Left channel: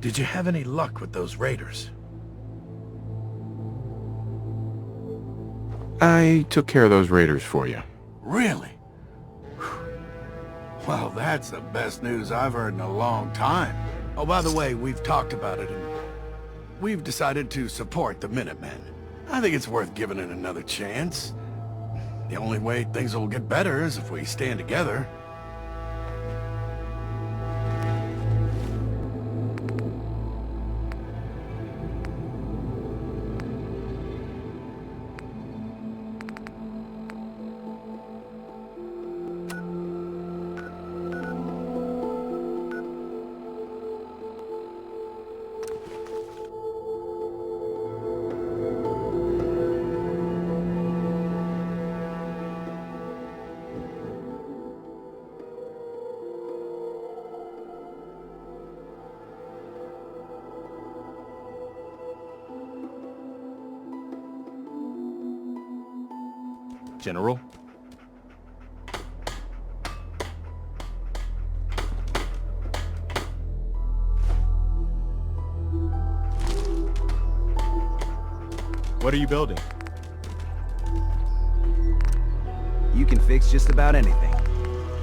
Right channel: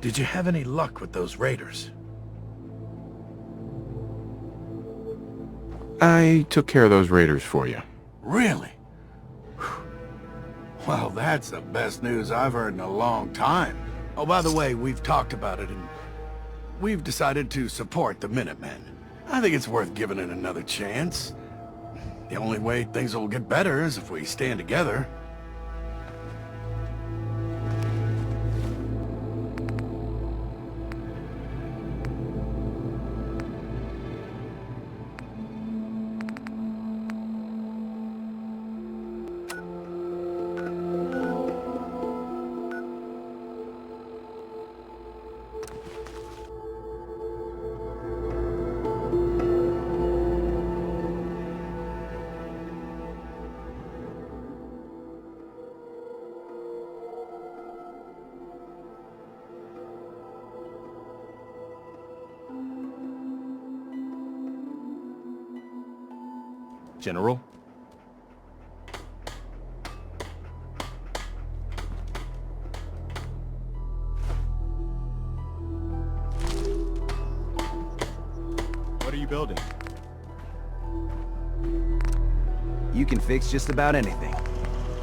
Did you have any luck with those raiders? I took care of those raiders for you. Really? Well, that's the best news I've heard in a long time. Oh, by the way, we've talked about it, and we've decided to support the Minutemen. I think it's worth giving it another chance. The only way things will get better is if we stand together. General? What are you building? You can fix just about anything.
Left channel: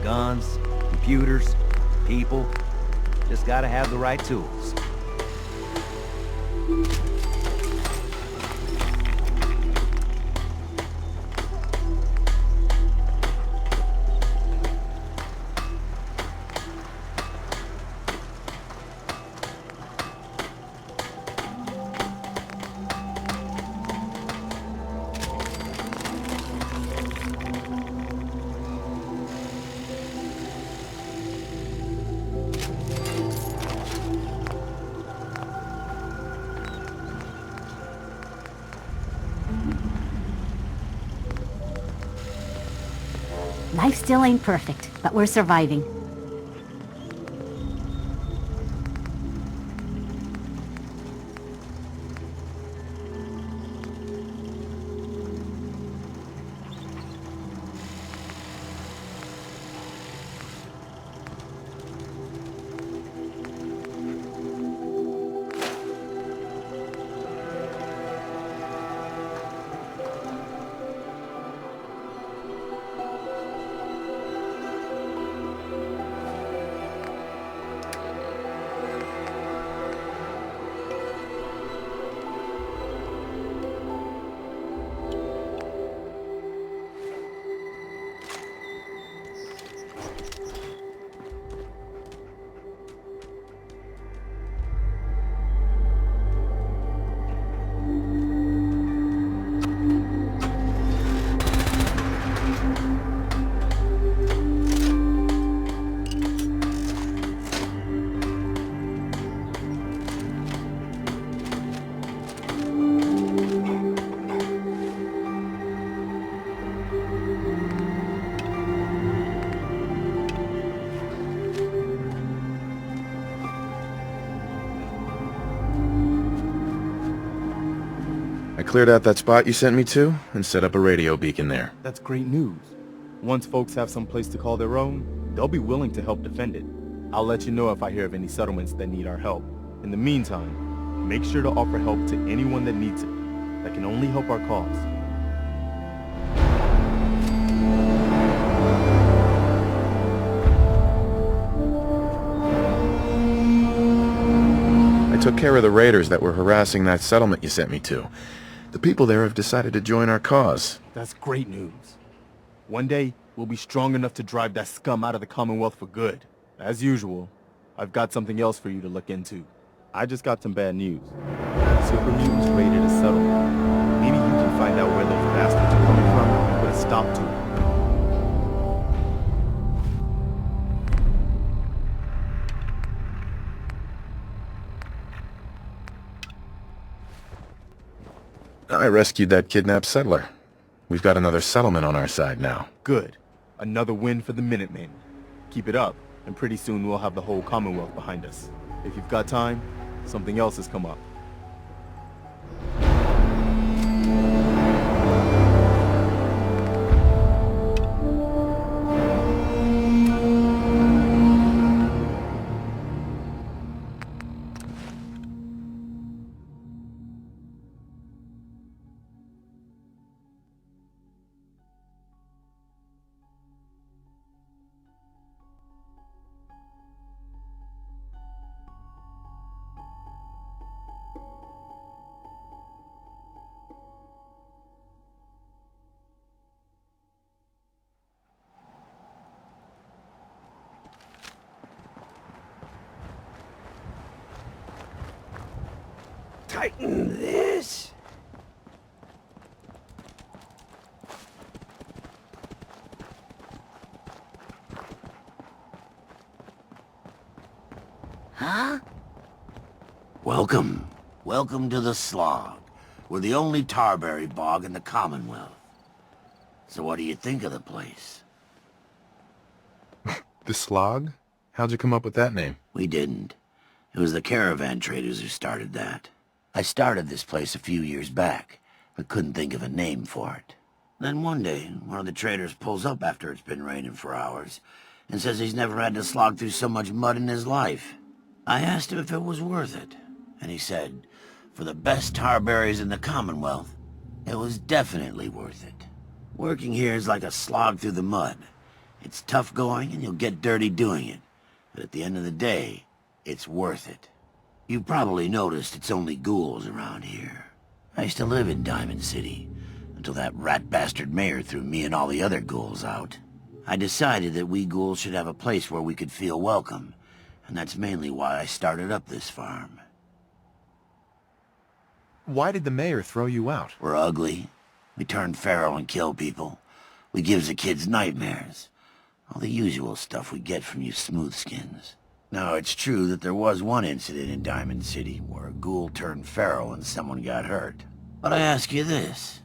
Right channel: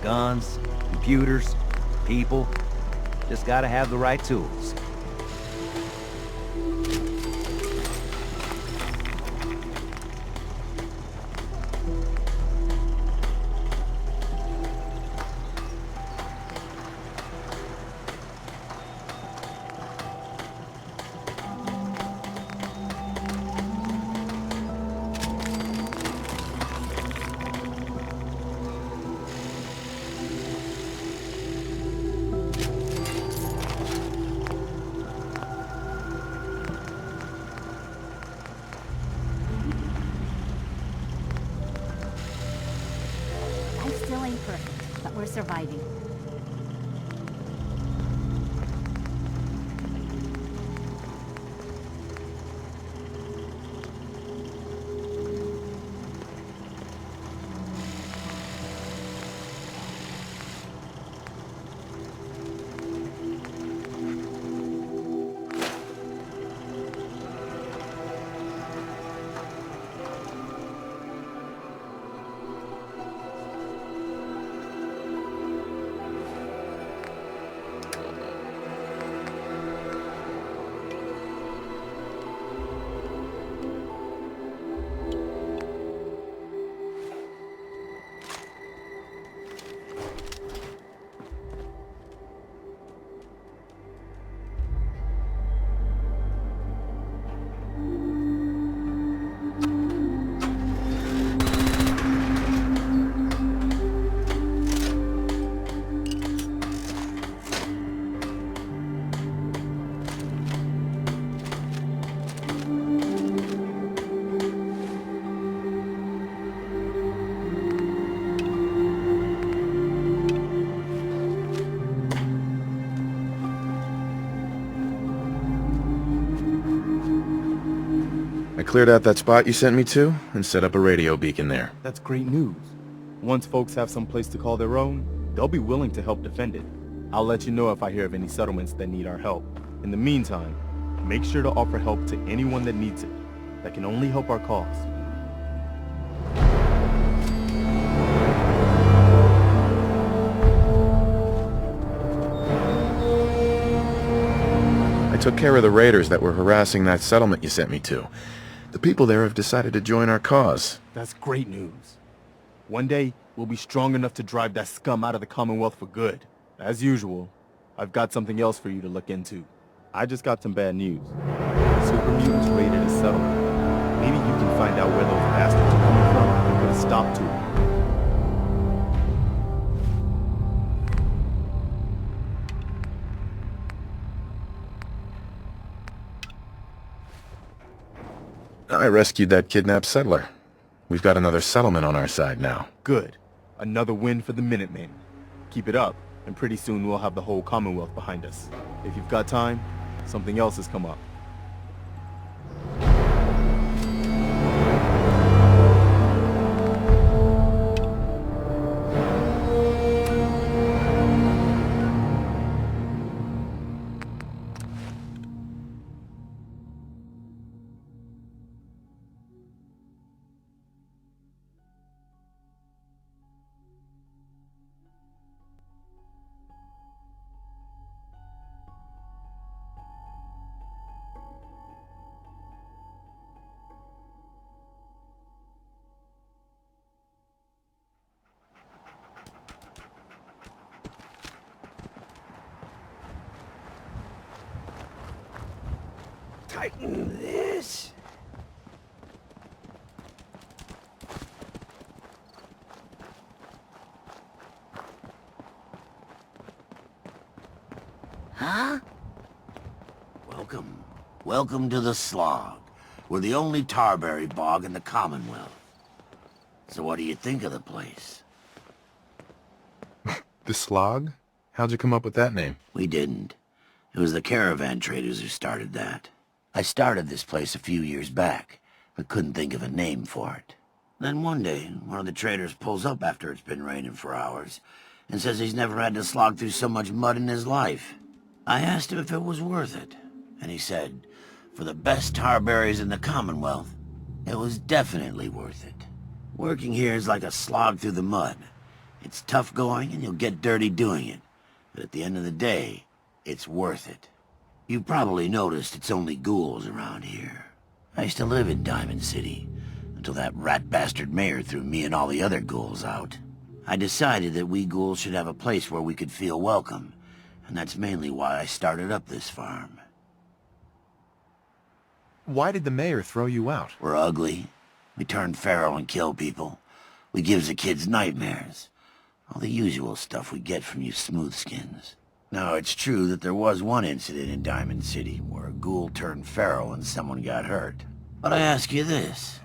Guns, computers, people. Just gotta have the right tools. Life still ain't perfect, but we're surviving. I cleared out that spot you sent me to and set up a radio beacon there. That's great news. Once folks have some place to call their own, they'll be willing to help defend it. I'll let you know if I hear of any settlements that need our help. In the meantime, make sure to offer help to anyone that needs it. That can only help our cause. I took care of the raiders that were harassing that settlement you sent me to. The people there have decided to join our cause. That's great news. One day, we'll be strong enough to drive that scum out of the Commonwealth for good. As usual, I've got something else for you to look into. I just got some bad news. Super mutants raided a settlement. Maybe you can find out where those bastards are coming from and put a stop to it. I rescued that kidnapped settler. We've got another settlement on our side now. Good. Another win for the Minutemen. Keep it up, and pretty soon we'll have the whole Commonwealth behind us. If you've got time, something else has come up. tighten this. Huh? Welcome. Welcome to the Slog. We're the only tarberry bog in the Commonwealth. So what do you think of the place? The Slog? How'd you come up with that name? We didn't. It was the caravan traders who started that. I started this place a few years back, but couldn't think of a name for it. Then one day, one of the traders pulls up after it's been raining for hours, and says he's never had to slog through so much mud in his life. I asked him if it was worth it, and he said, for the best tarberries in the Commonwealth, it was definitely worth it. Working here is like a slog through the mud. It's tough going, and you'll get dirty doing it. But at the end of the day, it's worth it. You've probably noticed it's only ghouls around here. I used to live in Diamond City, until that rat bastard mayor threw me and all the other ghouls out. I decided that we ghouls should have a place where we could feel welcome, and that's mainly why I started up this farm. Why did the mayor throw you out? We're ugly. We turn feral and kill people. We gives the kids nightmares. All the usual stuff we get from you smoothskins. Now, it's true that there was one incident in Diamond City where a ghoul turned feral and someone got hurt. But I ask you this.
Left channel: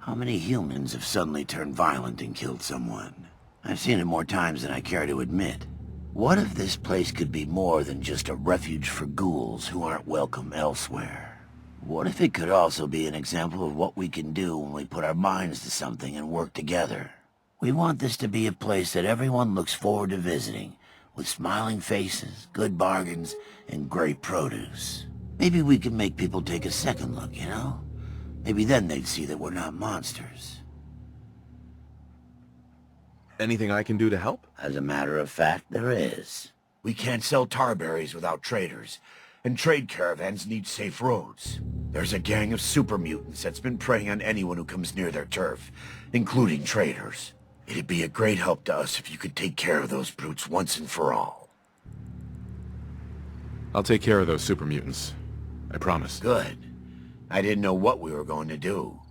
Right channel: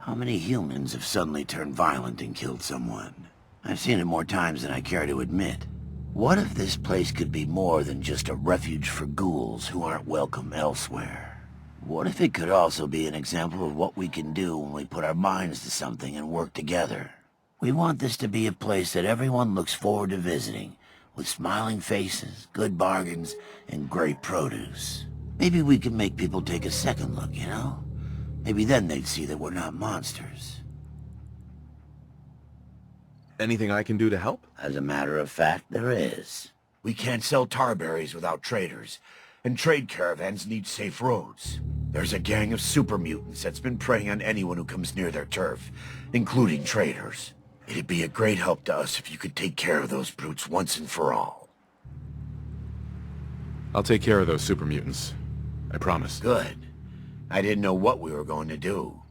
How many humans have suddenly turned violent and killed someone? I've seen it more times than I care to admit. What if this place could be more than just a refuge for ghouls who aren't welcome elsewhere? What if it could also be an example of what we can do when we put our minds to something and work together? We want this to be a place that everyone looks forward to visiting, with smiling faces, good bargains, and great produce. Maybe we can make people take a second look, you know? Maybe then they'd see that we're not monsters. Anything I can do to help? As a matter of fact, there is. We can't sell tarberries without traders, and trade caravans need safe roads. There's a gang of super mutants that's been preying on anyone who comes near their turf, including traders. It'd be a great help to us if you could take care of those brutes once and for all. I'll take care of those super mutants. I promise. Good. I didn't know what we were going to do.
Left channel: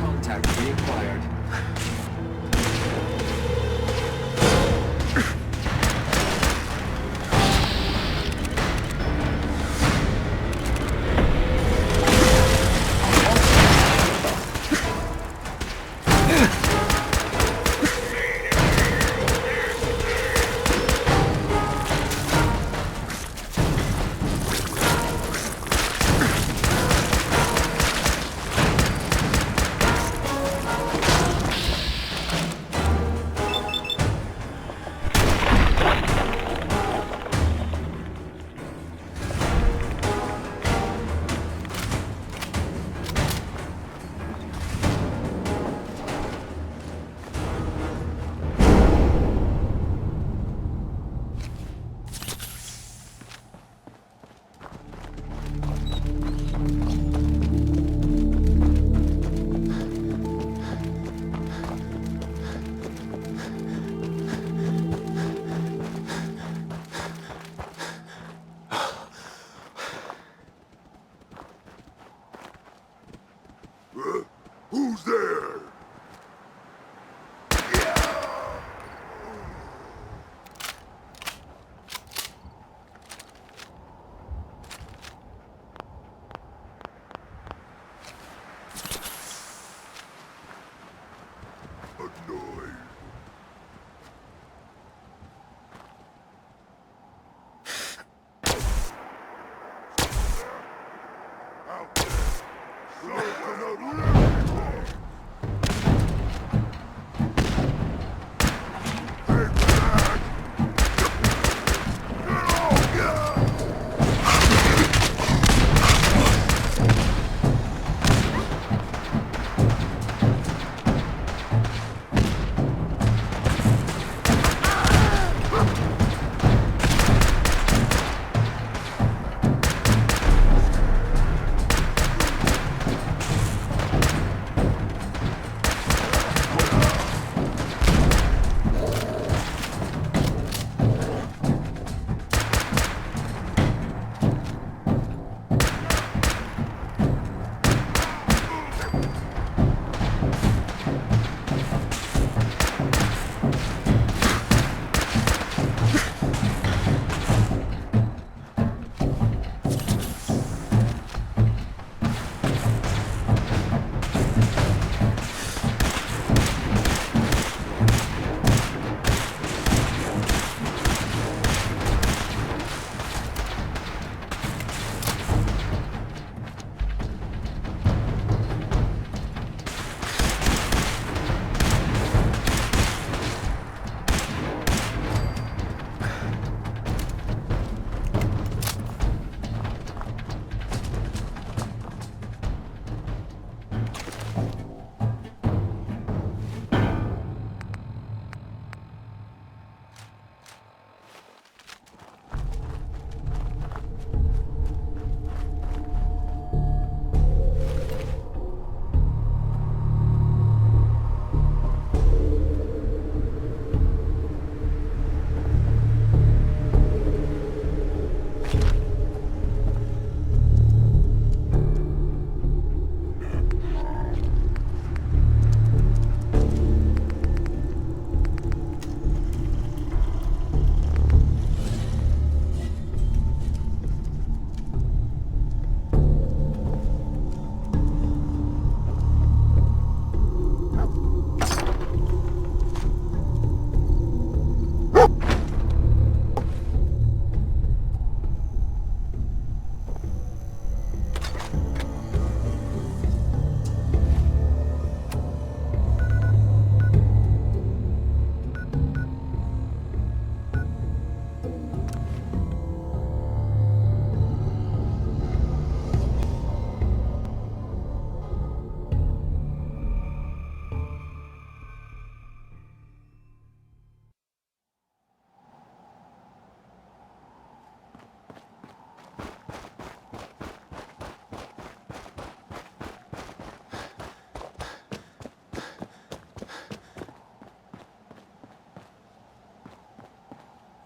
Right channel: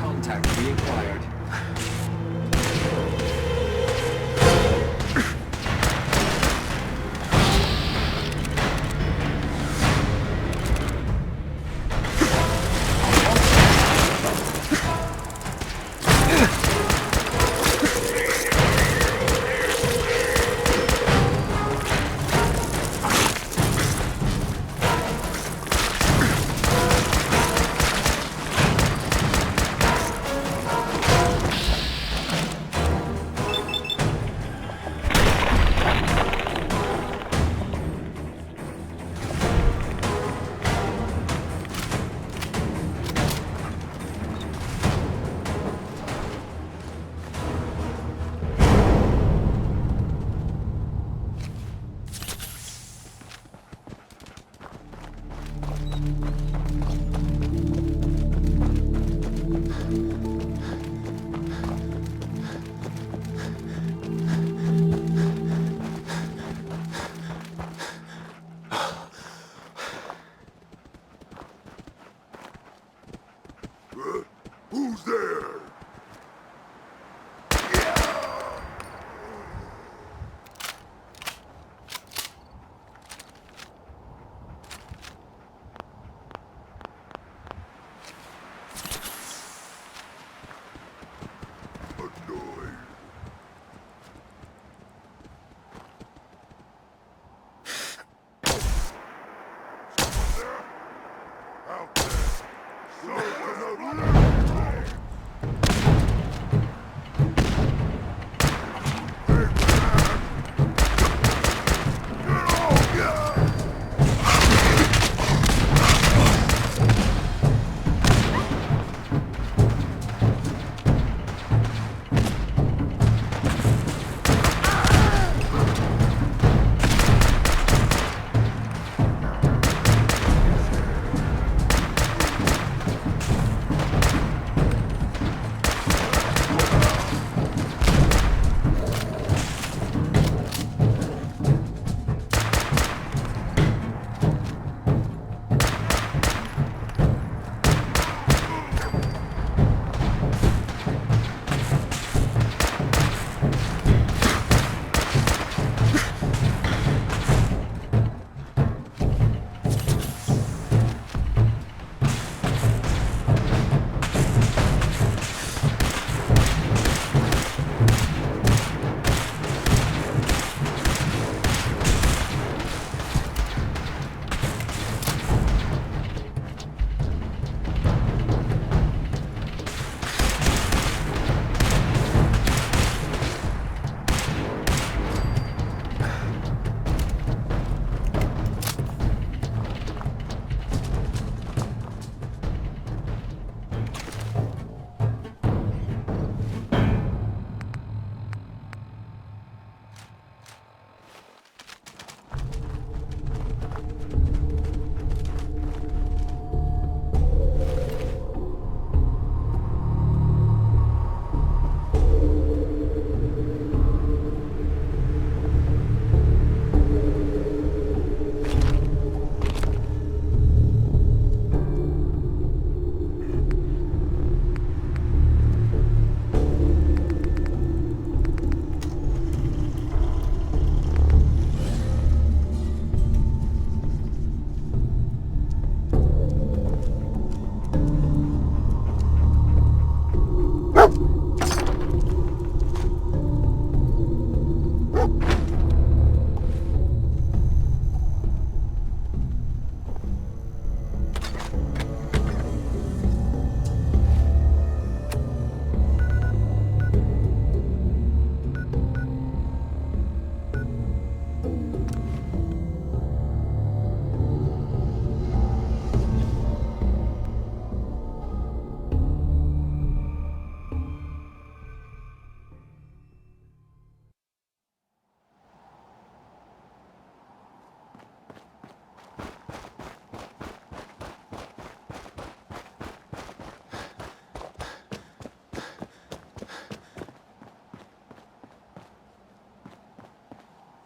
Contact reacquired. Who's there?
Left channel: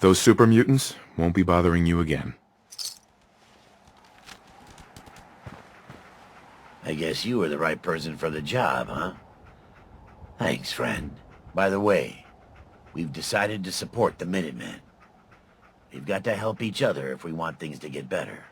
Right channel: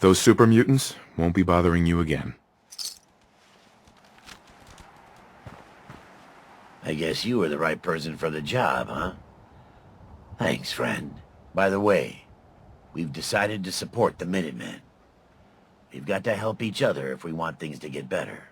Those super mutants won't be bothering you again. I guess you were the right person for the job, huh? Thanks, friend. By the way, we've decided to support the Minutemen. We've got to help each other if we want things to get better.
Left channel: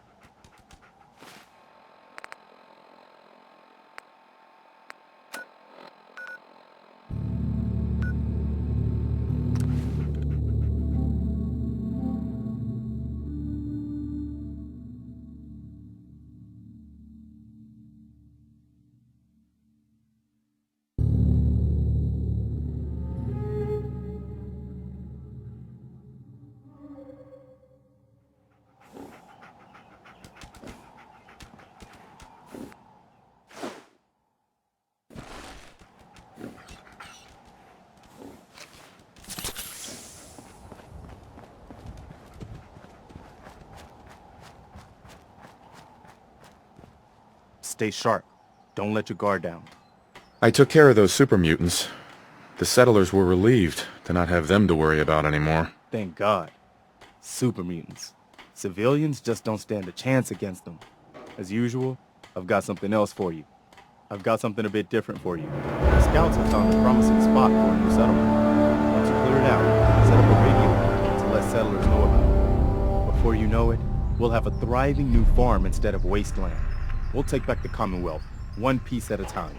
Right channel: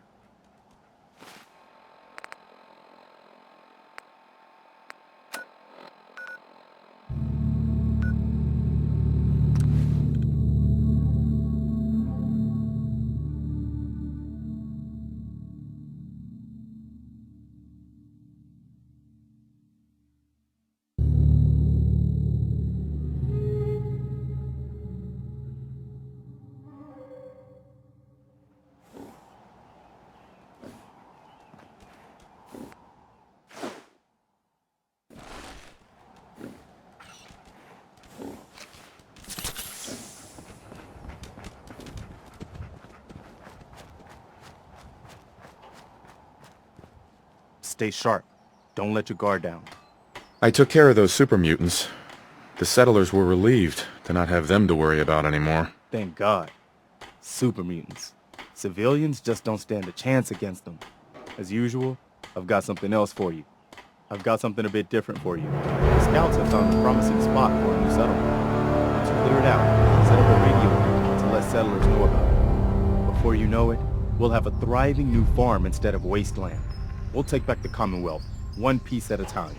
Stay sharp. Don't let your guard down. I took care of those super mutants. The settlers were relieved to not have them to worry about anymore. Thank God. Super mutants. Civilians just don't stand a chance against them. As usual, I've got something else for you. I've got something a bit different for you. The scouts have found a promising spot for a new settlement. Once you clear it out, set up a radio beacon to let settlers know about it. Before you know it, we'll have a thriving new farm instead of Wasteland. We'll take back the Commonwealth, one piece at a time.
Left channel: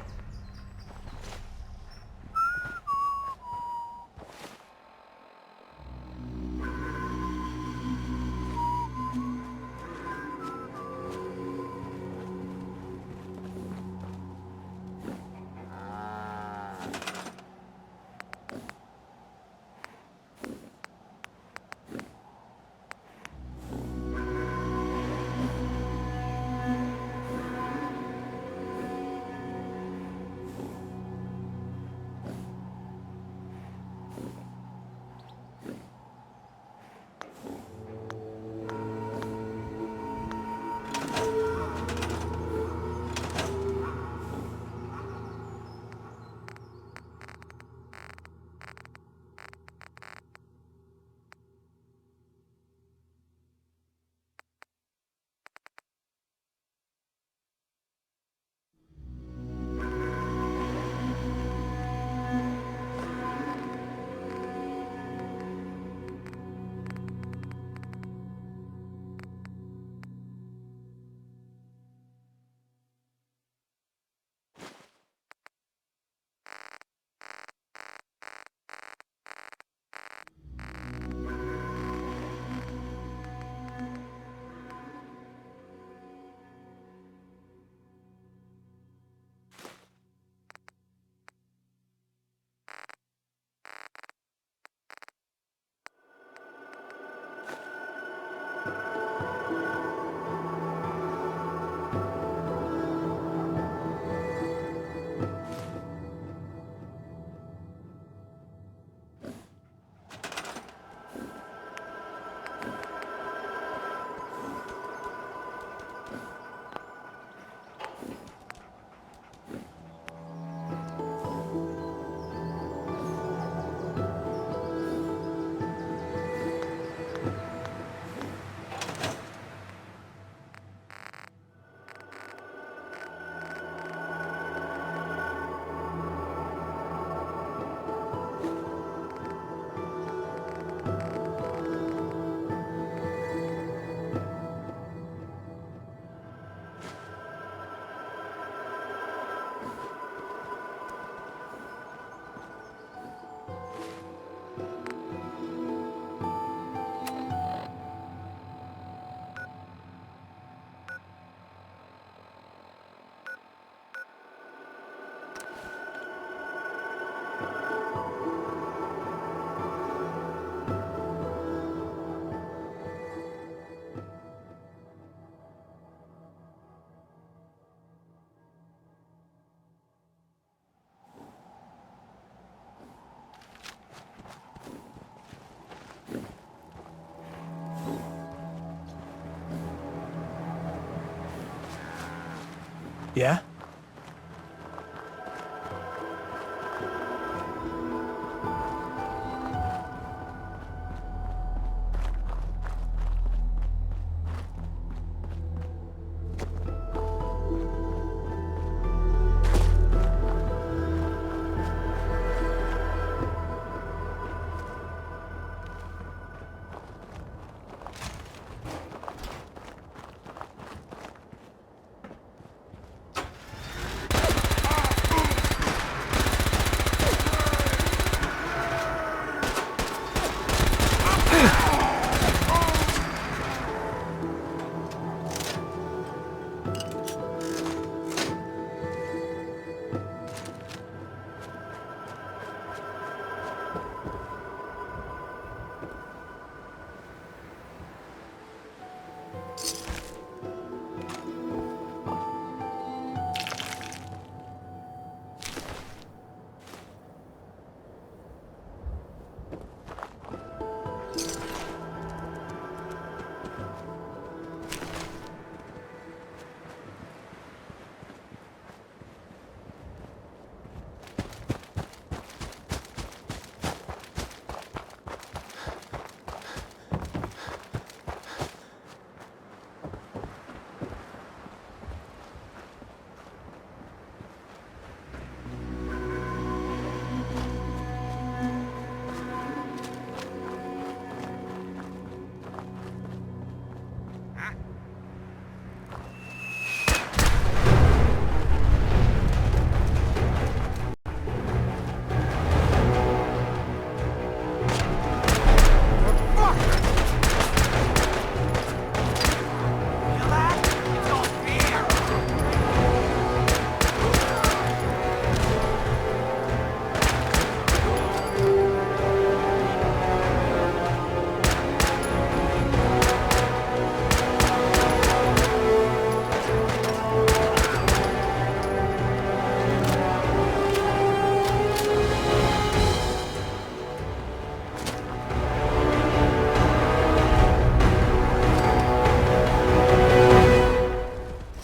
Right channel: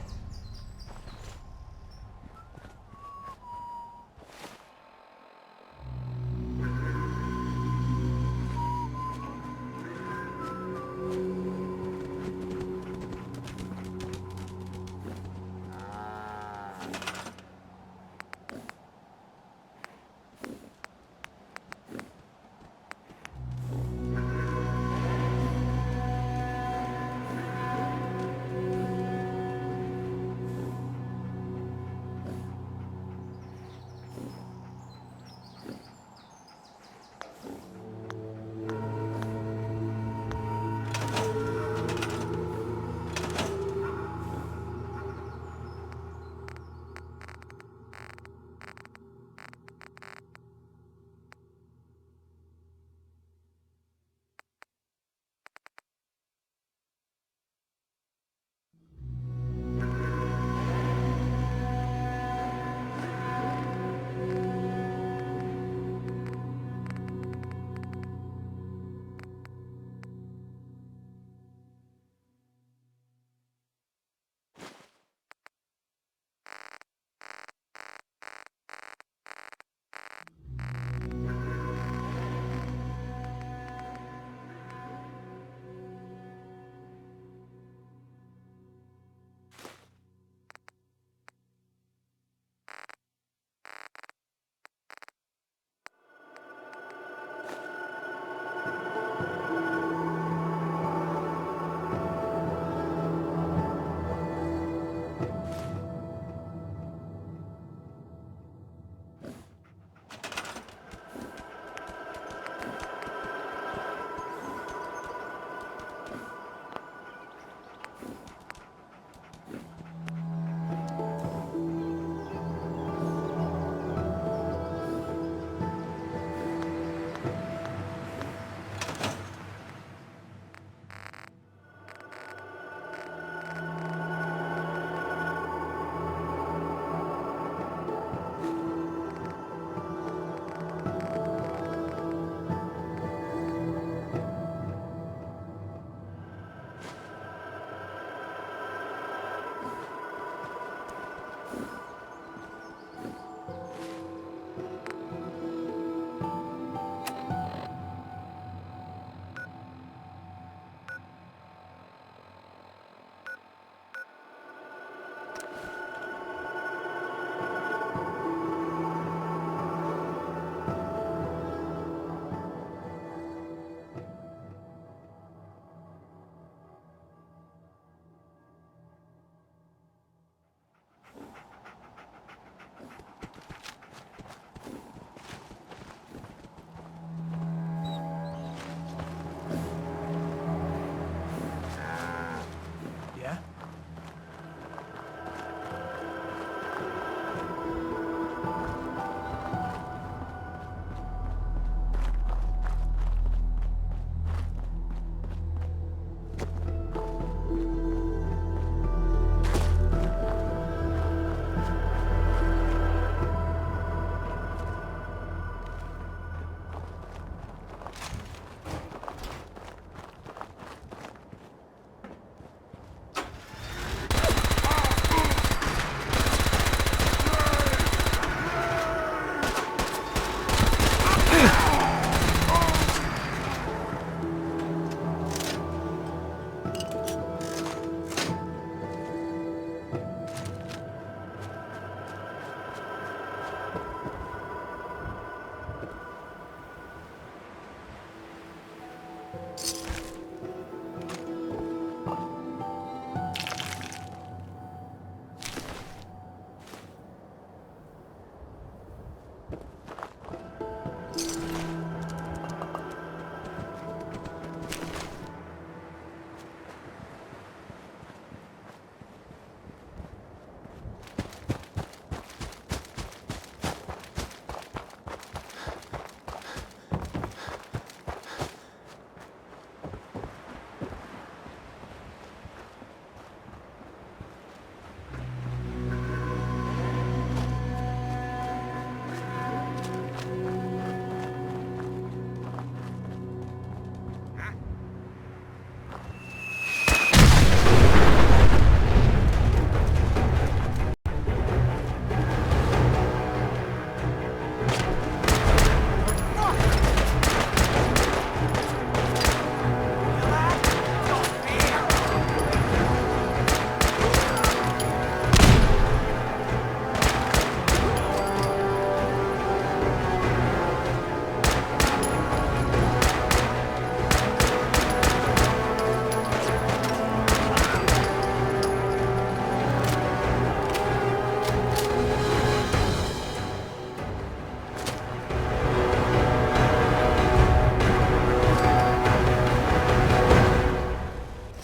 Yeah?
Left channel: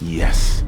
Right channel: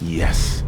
Yes.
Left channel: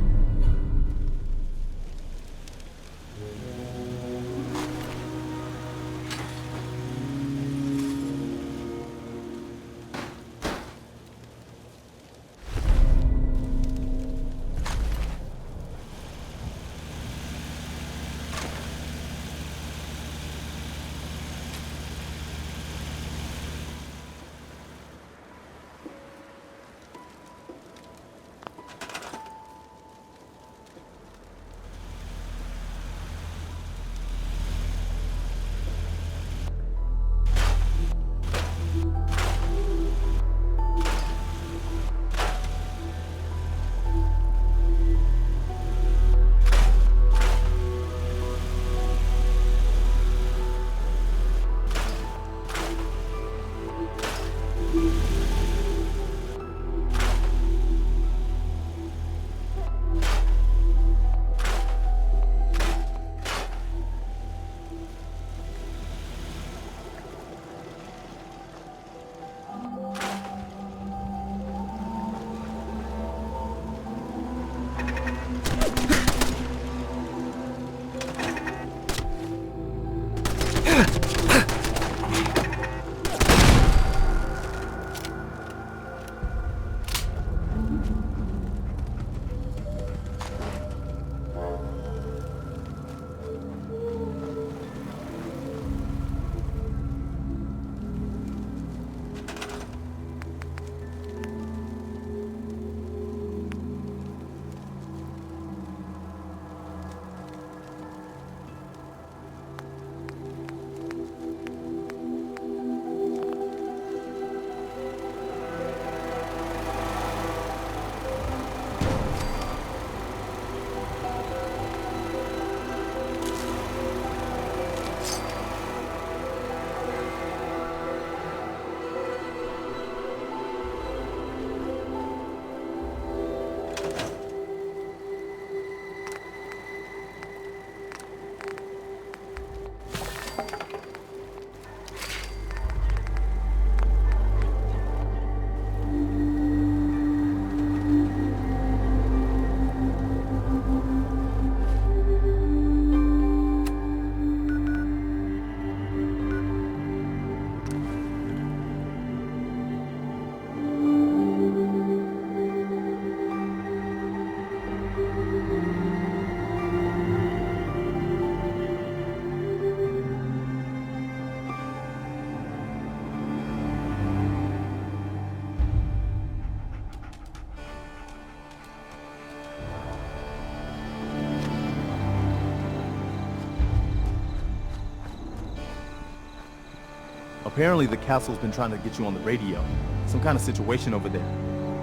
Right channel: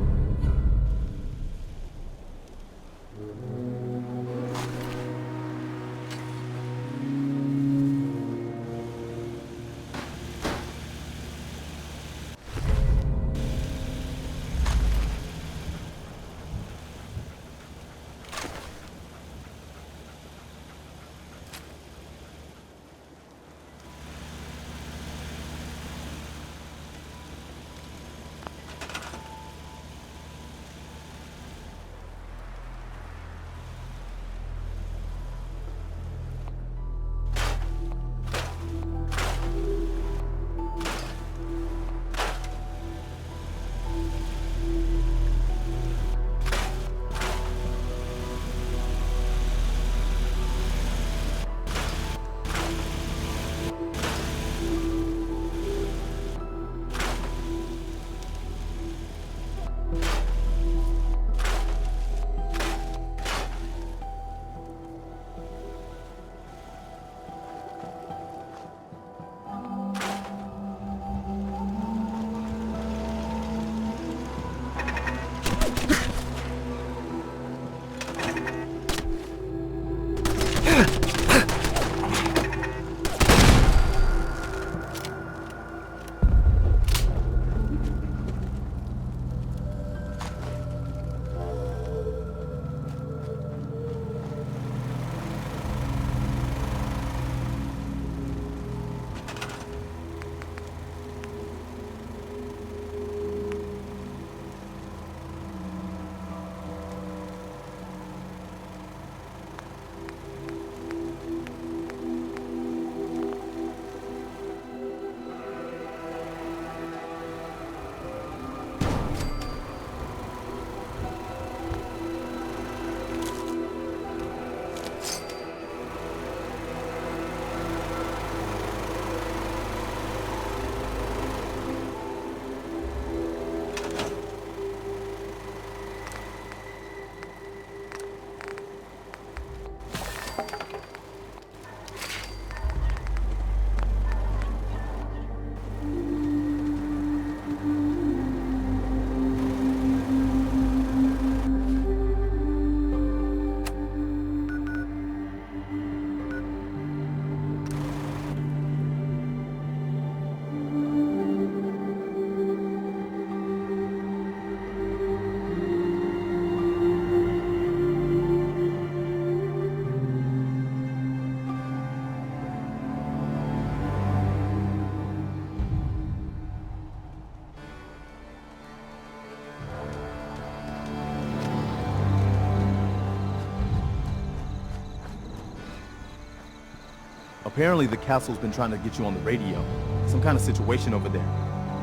Apparently the castle's been trying to get you on the radio. Some kind of situation over there.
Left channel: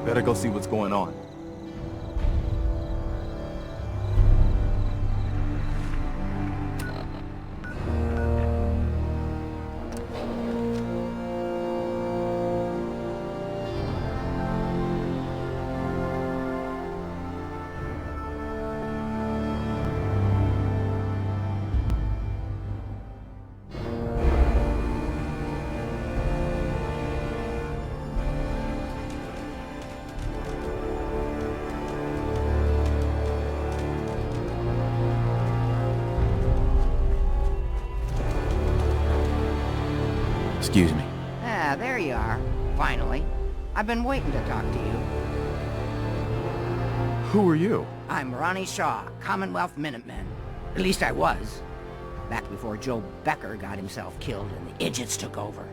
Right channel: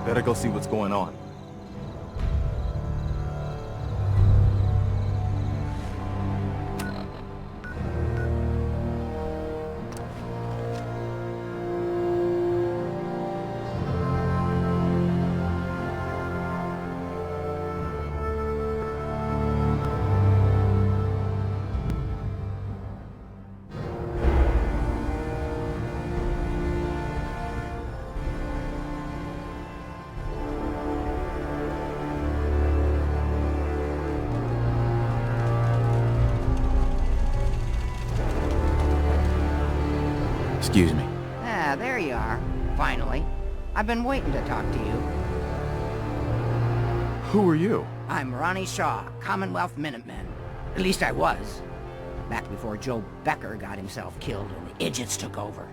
Better go see what's going on. Excuse me. Ah, there you are. Finally. I've been waiting to talk to you. Who are you? I'm Ronnie Shaw, Commonwealth Minutemen. At least I was. Back before Joe Becker got himself killed and the idiots took over.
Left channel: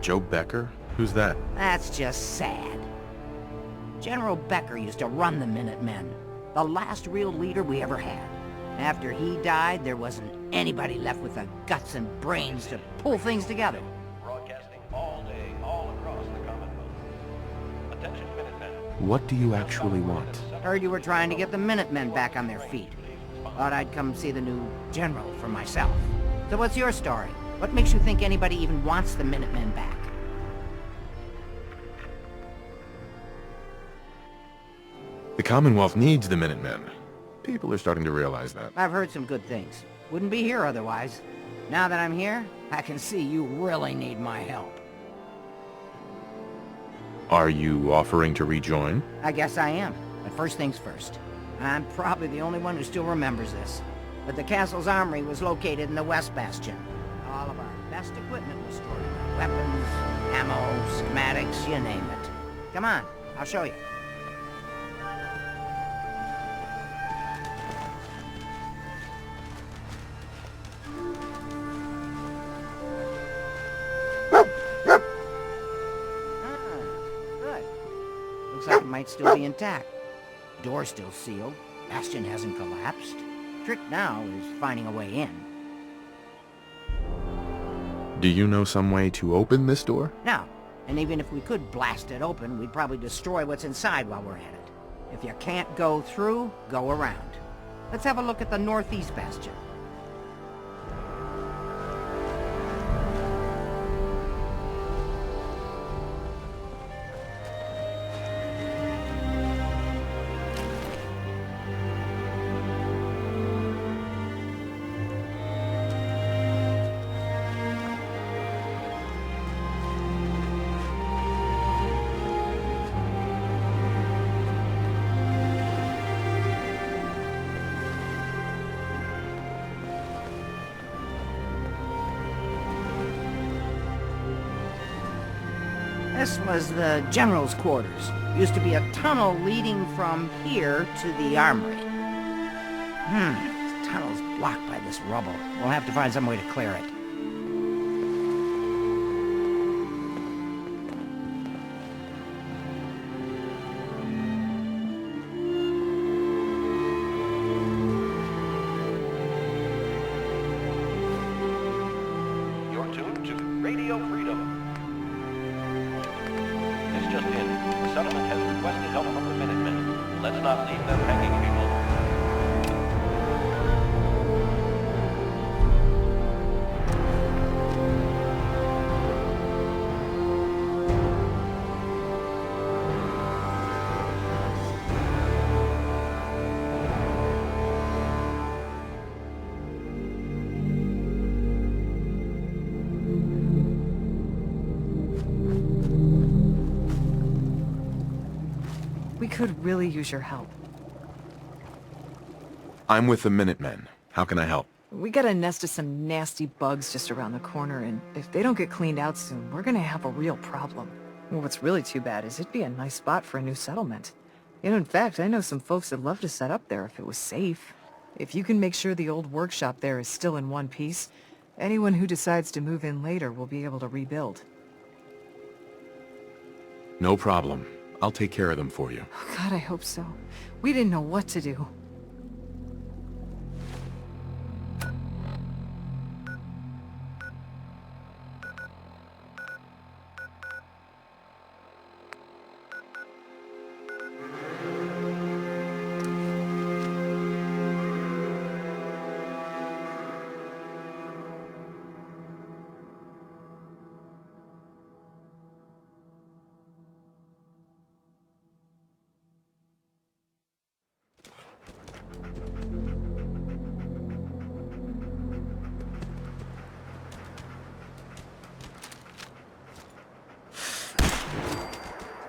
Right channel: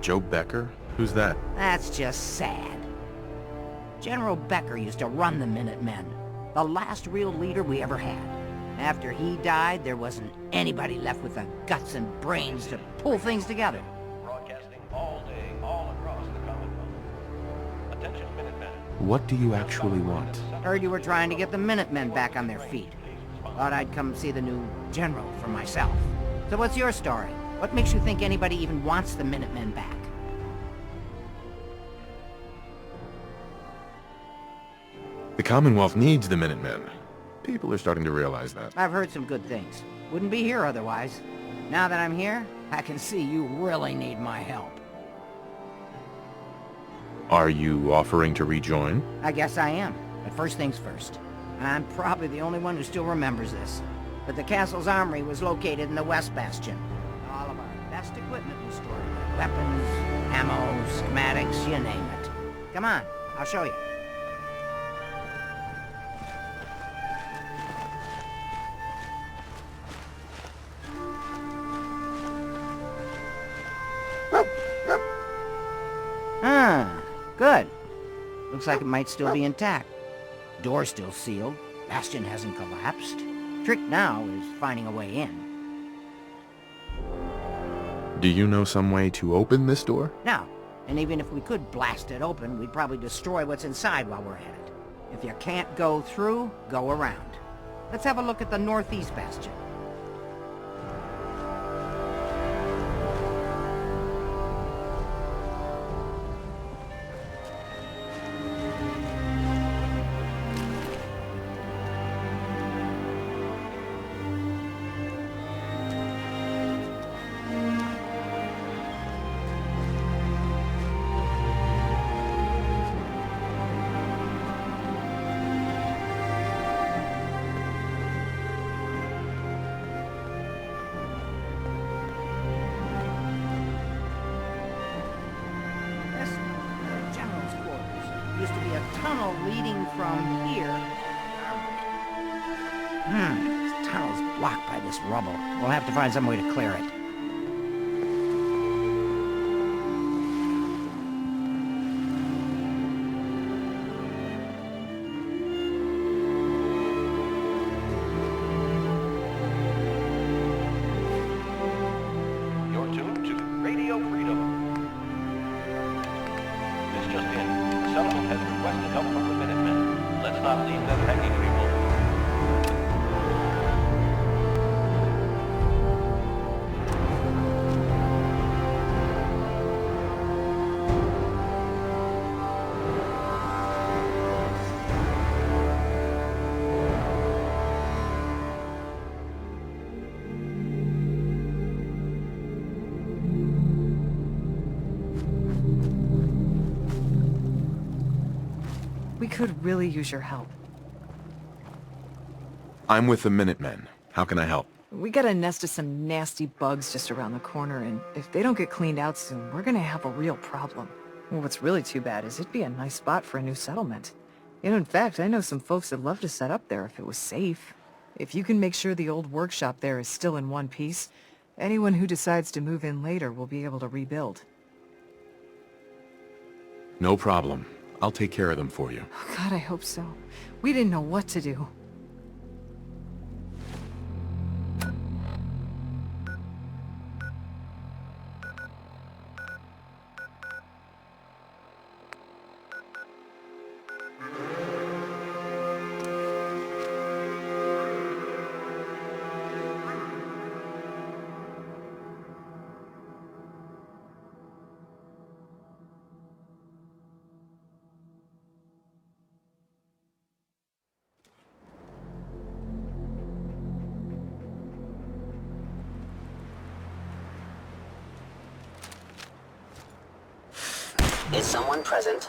Joe Becker? Who's that? That's just sad. General Becker used to run the Minutemen. The last real leader we ever had. After he died, there wasn't anybody left with the guts and brains to pull things together. Broadcasting all day, all across the Commonwealth. Attention, Minutemen. What do you actually want? Heard you were trying to get the Minutemen back on their feet. Thought I'd come see the new general for myself. So what's your story? What makes you think anybody even wants the Minutemen back? The Commonwealth needs the Minutemen. People are starting to realize that. I've heard some good things. Wouldn't be here otherwise. Now that I'm here, I can see you really need my help. Are you offering to rejoin? I guess I am. But first things first. I'm probably the only one who still remembers this. But the castle's armory was located in the West Bastion. All of our best equipment was stored in there. Weapons, ammo, schematics, you name it. Come on, I'll show you. Good. Looks like it might still be intact. Door's still sealed. Bastion hasn't collapsed. Trick now is finding a way in. Do you know some way to open this door? No. And even if we could blast it open, we'd probably destroy what's inside while we're at it. If you can't go through, go around. Let's have a look at the northeast bastion. This was the general's quarters. Used to be a tunnel leading from here to the armory. This tunnel's blocked by this rubble. We'll have to find some way to clear it. You're tuned to Radio Freedom. This just in. The settlement has requested help from the Minutemen. Let's not leave them hanging, people. We could really use your help. I'm with the Minutemen. How can I help? We got a nest of some nasty bugs just around the corner, and if they don't get cleaned out soon, we're gonna have a real problem. Well, what's really too bad is it'd be a nice spot for a new settlement. In fact, I know some folks that'd love to set up there if it was safe. If you can make sure the old workshop there is still in one piece, anyone who decides to move in later will be able to rebuild. No problem. I'll take care of them for you. Oh, God, I hope so. We didn't know what to do. Is someone present?